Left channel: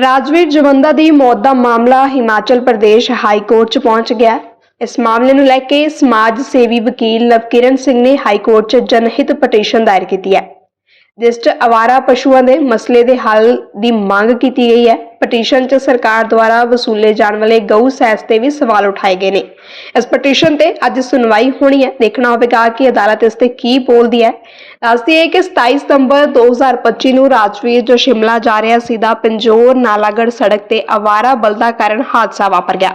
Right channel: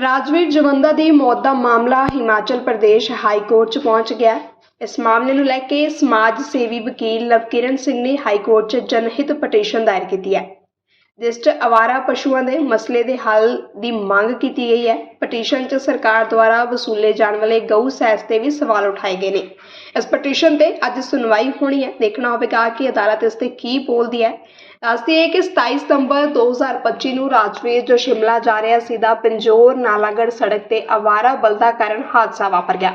ਰਾਜਵੀਰ ਜਵੰਦਾ ਦੀ ਮੌਤ ਦਾ ਮਾਮਲਾ Himachal Pradesh high court 'ਚ ਪਹੁੰਚ ਗਿਆ। ਇਸ ਮਾਮਲੇ ਨੂੰ ਲੈ ਕੇ ਸਮਾਜ ਸੇਵੀ ਵਕੀਲ ਲਵਕਿਰਨ ਸਿੰਘ ਨੇ ਹਾਈ ਕੋਰਟ 'ਚ ਜਨਹਿਤ ਪਟੀਸ਼ਨ ਦਾਇਰ ਕੀਤੀ ਹੈ। ਜਿਸ 'ਚ ਪਸ਼ੂਆਂ ਦੇ ਮਸਲੇ ਦੇ ਹੱਲ ਦੀ ਮੰਗ ਕੀਤੀ ਗਈ ਹੈ। ਪਟੀਸ਼ਨ 'ਚ ਸਰਕਾਰ ਦੁਆਰਾ ਵਸੂਲੇ ਜਾਣ ਵਾਲੇ ਗਊ ਸੈਸ ਤੇ ਵੀ ਸਵਾਲ ਉਠਾਏ ਗਏ ਨੇ। ਇਸ ਪਟੀਸ਼ਨ ਤੇ ਅੱਜ ਸੁਣਵਾਈ ਹੋਣੀ ਹੈ। ਦੇਖਣਾ ਹੋਵੇਗਾ ਕਿ ਅਦਾਲਤ ਇਸ ਤੇ ਕੀ ਬੋਲਦੀ ਹੈ। ਦੱਸਦੀ ਹੈ ਕਿ 27 ਸਤੰਬਰ 2025 ਨੂੰ ਰਾਜਵੀਰ ਜੋ ਸ਼ਿਮਲਾ ਜਾ ਰਿਹਾ ਸੀ ਦਾ ਪੰਜੋਰ ਨਾਲਾਗੜ ਸੜਕ ਤੇ ਅਵਾਰਾ ਬਲਦਾ ਕਾਰਨ ਹਾਦਸਾ ਵਾਪਰ ਗਿਆ।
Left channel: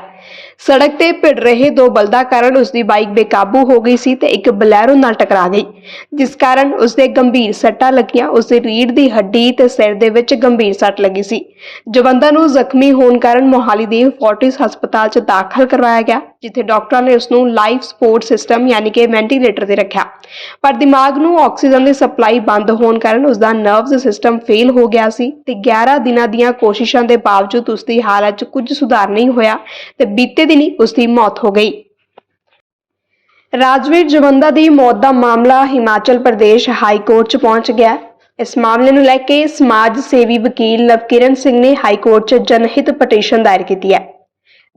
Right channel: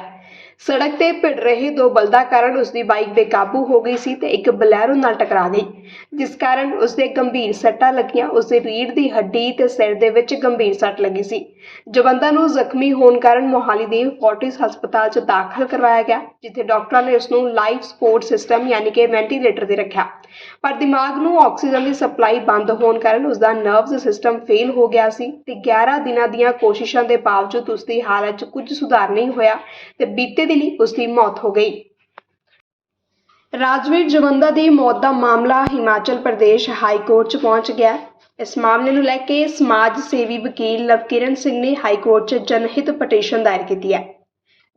ਸੜਕ ਤੇ ਭਿੜ ਰਹੇ ਦੋ ਬਲਦਾਂ ਕਾਰਨ ਉਸ ਦੀ ਬਾਈਕ ਬੇਕਾਬੂ ਹੋ ਗਈ ਸੀ ਤੇ ਇੱਕ ਬਲੈਰੋ ਨਾਲ ਟਕਰਾ ਗਈ, ਜਿਸ ਕਾਰਨ ਉਸ ਦੇ ਗੰਭੀਰ ਸੱਟਾਂ ਲੱਗੀਆਂ। ਉਸ ਦੀ ਰੀੜ੍ਹ ਦੀ ਹੱਡੀ ਤੇ ਸਿਰ ਦੇ ਵਿੱਚ ਗੰਭੀਰ ਸੱਟ ਲੱਗੀ ਸੀ। ਜਵੰਦਾ ਨੂੰ ਜ਼ਖਮੀ ਹੋਣ ਕਾਰਨ ਮੋਹਾਲੀ ਦੇ ਫੋਰਟਿਸ ਹਸਪਤਾਲ 'ਚ ਦਾਖਲ ਕਰਵਾਇਆ ਗਿਆ, ਜਿੱਥੇ ਡਾਕਟਰਾਂ ਨੇ ਉਸ ਨੂੰ ਲਾਈਫ ਸਪੋਰਟ ਸਿਸਟਮ ਯਾਨੀ ਕਿ ਵੈਂਟੀਲੇਟਰ ਤੇ ਰੱਖਿਆ। ਪਰ ਦਿਮਾਗ ਨੂੰ ਆਕਸੀਜਨ ਦੀ ਸਪਲਾਈ ਬੰਦ ਹੋਣ ਕਾਰਨ ਉਸ ਦਾ ਨਰਵਸ ਸਿਸਟਮ ਫੇਲ ਹੋ ਗਿਆ ਸੀ ਤੇ 11 ਦਿਨਾਂ ਦੀਆਂ ਕੋਸ਼ਿਸ਼ਾਂ ਦੇ ਬਾਵਜੂਦ ਉਸ ਦੀ ਹਾਲਤ 'ਚ ਕੁਝ ਸੁਧਾਰ ਨਹੀਂ ਹੋਇਆ ਤੇ ਬੀਤੇ ਦਿਨੀ ਉਸ ਦੀ ਮੌਤ ਹੋ ਗਈ। ਰਾਜਵੀਰ ਜਵੰਦਾ ਦੀ ਮੌਤ ਦਾ ਮਾਮਲਾ ਹਿਮਾਚਲ ਪ੍ਰਦੇਸ਼ ਹਾਈ ਕੋਰਟ 'ਚ ਪਹੁੰਚ ਗਿਆ। ਇਸ ਮਾਮਲੇ ਨੂੰ ਲੈ ਕੇ ਸਮਾਜ ਸੇਵੀ ਵਕੀਲ ਲਵਕਿਰਨ ਸਿੰਘ ਨੇ ਹਾਈ ਕੋਰਟ 'ਚ ਜਨਹਿਤ ਪਟੀਸ਼ਨ ਦਾਇਰ ਕੀਤੀ ਹੈ।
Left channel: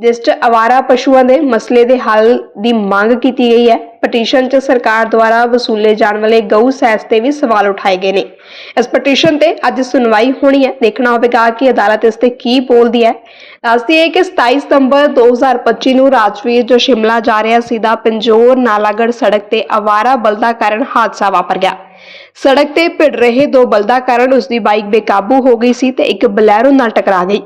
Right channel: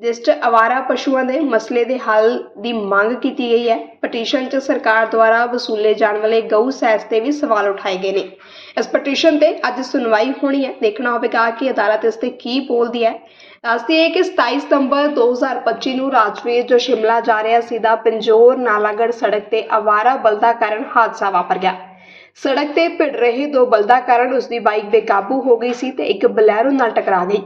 ਜਿਸ 'ਚ ਅਵਾਰਾ ਪਸ਼ੂਆਂ ਦੇ ਮਸਲੇ ਦੇ ਹੱਲ ਦੀ ਮੰਗ ਕੀਤੀ ਗਈ ਹੈ। ਪਟੀਸ਼ਨ 'ਚ ਸਰਕਾਰ ਦੁਆਰਾ ਵਸੂਲੇ ਜਾਣ ਵਾਲੇ ਗਊ ਸੈਸ ਤੇ ਵੀ ਸਵਾਲ ਉਠਾਏ ਗਏ ਨੇ। ਇਸ ਪਟੀਸ਼ਨ ਤੇ ਅੱਜ ਸੁਣਵਾਈ ਹੋਣੀ ਹੈ। ਦੇਖਣਾ ਹੋਵੇਗਾ ਕਿ ਅਦਾਲਤ ਇਸ ਤੇ ਕੀ ਬੋਲਦੀ ਹੈ। ਦੱਸਦੀ ਹੈ ਕਿ 27 ਸਤੰਬਰ 2025 ਨੂੰ ਰਾਜਵੀਰ ਜੋ ਸ਼ਿਮਲਾ ਜਾ ਰਿਹਾ ਸੀ, ਦਾ ਪੰਜੋਰ ਨਾਲਾਗੜ ਸੜਕ ਤੇ ਅਵਾਰਾ ਬਲਦਾ ਕਾਰਨ ਹਾਦਸਾ ਵਾਪਰ ਗਿਆ। ਸੜਕ ਤੇ ਭਿੜ ਰਹੇ ਦੋ ਬਲਦਾਂ ਕਾਰਨ ਉਸ ਦੀ ਬਾਈਕ ਬੇਕਾਬੂ ਹੋ ਗਈ ਸੀ ਤੇ ਇੱਕ ਬਲੈਰੋ ਨਾਲ ਟਕਰਾ ਗਈ,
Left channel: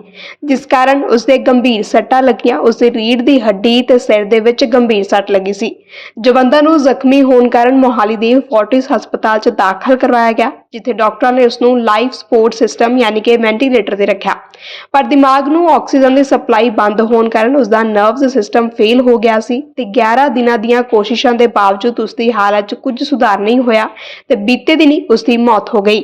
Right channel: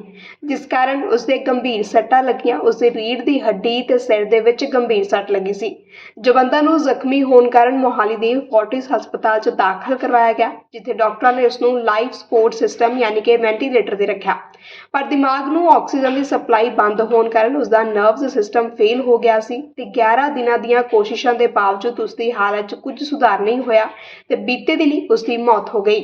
ਜਿਸ ਕਾਰਨ ਉਸ ਦੇ ਗੰਭੀਰ ਸੱਟਾਂ ਲੱਗੀਆਂ। ਉਸ ਦੀ ਰੀੜ੍ਹ ਦੀ ਹੱਡੀ ਤੇ ਸਿਰ ਦੇ ਵਿੱਚ ਗੰਭੀਰ ਸੱਟ ਲੱਗੀ ਸੀ। ਜਵੰਦਾ ਨੂੰ ਜ਼ਖਮੀ ਹੋਣ ਕਾਰਨ ਮੋਹਾਲੀ ਦੇ ਫੋਰਟਿਸ ਹਸਪਤਾਲ 'ਚ ਦਾਖਲ ਕਰਵਾਇਆ ਗਿਆ, ਜਿੱਥੇ ਡਾਕਟਰਾਂ ਨੇ ਉਸ ਨੂੰ ਲਾਈਫ ਸਪੋਰਟ ਸਿਸਟਮ ਯਾਨੀ ਕਿ ਵੈਂਟੀਲੇਟਰ ਤੇ ਰੱਖਿਆ। ਪਰ ਦਿਮਾਗ ਨੂੰ ਆਕਸੀਜਨ ਦੀ ਸਪਲਾਈ ਬੰਦ ਹੋਣ ਕਾਰਨ ਉਸ ਦਾ ਨਰਵਸ ਸਿਸਟਮ ਫੇਲ ਹੋ ਗਿਆ ਸੀ ਤੇ 11 ਦਿਨਾਂ ਦੀਆਂ ਕੋਸ਼ਿਸ਼ਾਂ ਦੇ ਬਾਵਜੂਦ ਉਸ ਦੀ ਹਾਲਤ 'ਚ ਕੁਝ ਸੁਧਾਰ ਨਹੀਂ ਹੋਇਆ ਤੇ ਬੀਤੇ ਦਿਨੀ ਉਸ ਦੀ ਮੌਤ ਹੋ ਗਈ।